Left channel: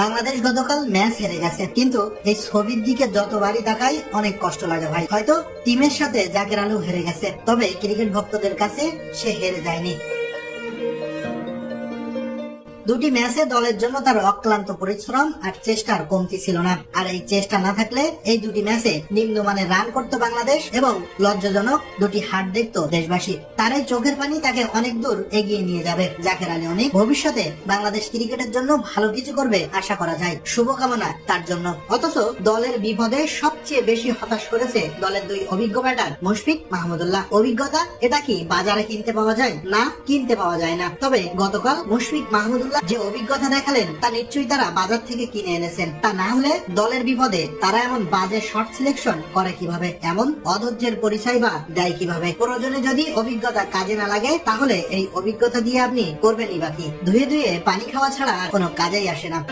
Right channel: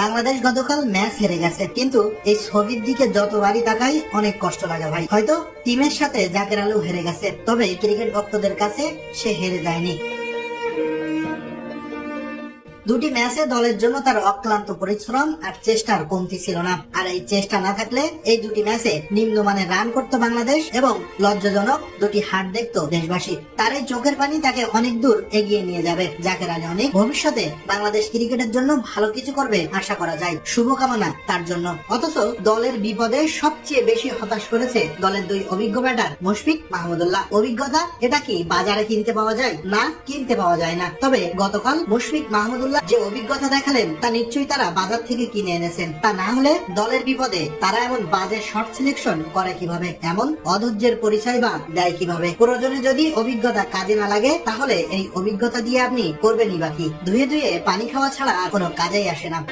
বাংলাদেশ গতকাল ম্যাচ হেরে গেছে। কিন্তু এই ছবির দিকে যতবারই তাকাই, অনেক কষ্ট লাগে ভাই। হয়তো টিমের সাথে জাকের আলু হেরে গেছে, তবে ক্রিকেট ভক্তদের কাছে সে হেরে যায়নি। দুটি ম্যাচে দলের জন্য তার অক্লান্ত পরিশ্রম আর চেষ্টার কমতি ছিল না। আর এই চেষ্টা না থাকলে এই দুটি ম্যাচে নিম্নমানের রান করত বাংলাদেশ এবং লজ্জাজনক দুটি হার দেখত দেশবাসী। তার এই চোখের পানি তাকে অনেক দূর এগিয়ে নিয়ে যাবে। জাকের আলী অনেক ভবিষ্যতে বাংলাদেশ ক্রিকেটের জন্য ভালো কিছু করবে আশা করা যায়। শুভকামনা তার জন্য। অথচ দলের বিপদে সবচেয়ে বেশি হতাশ করেছে দলের দুই অভিজ্ঞ ব্যাটার মুশফিক মাহমুদুল্লাহ অভিজ্ঞতা, এটা কি বাজারে কিনতে পাওয়া যায় না কিনতে পাওয়া যায় না? তবে গতকাল মুশফিক মাহমুদুল্লাহ যে অভিজ্ঞতা দেখালেন, তা নিশ্চয়ই তারা বাজার থেকে কিনে এনেছেন। তা না হলে দলের বিপদে তারা এমন বাজে শর্ট সিলেকশন করে কীভাবে? এমন অধৈর্যের পরিচয় বা দেয় কীভাবে? প্রয়োজনে যদি অভিজ্ঞতা কাজে না লাগে, তাহলে এই অভিজ্ঞতা দিয়ে আপনি করবেনই বাকি ধুয়ে ধুয়ে পানি খাওয়া ছাড়া কোনো কাজেই আসে না।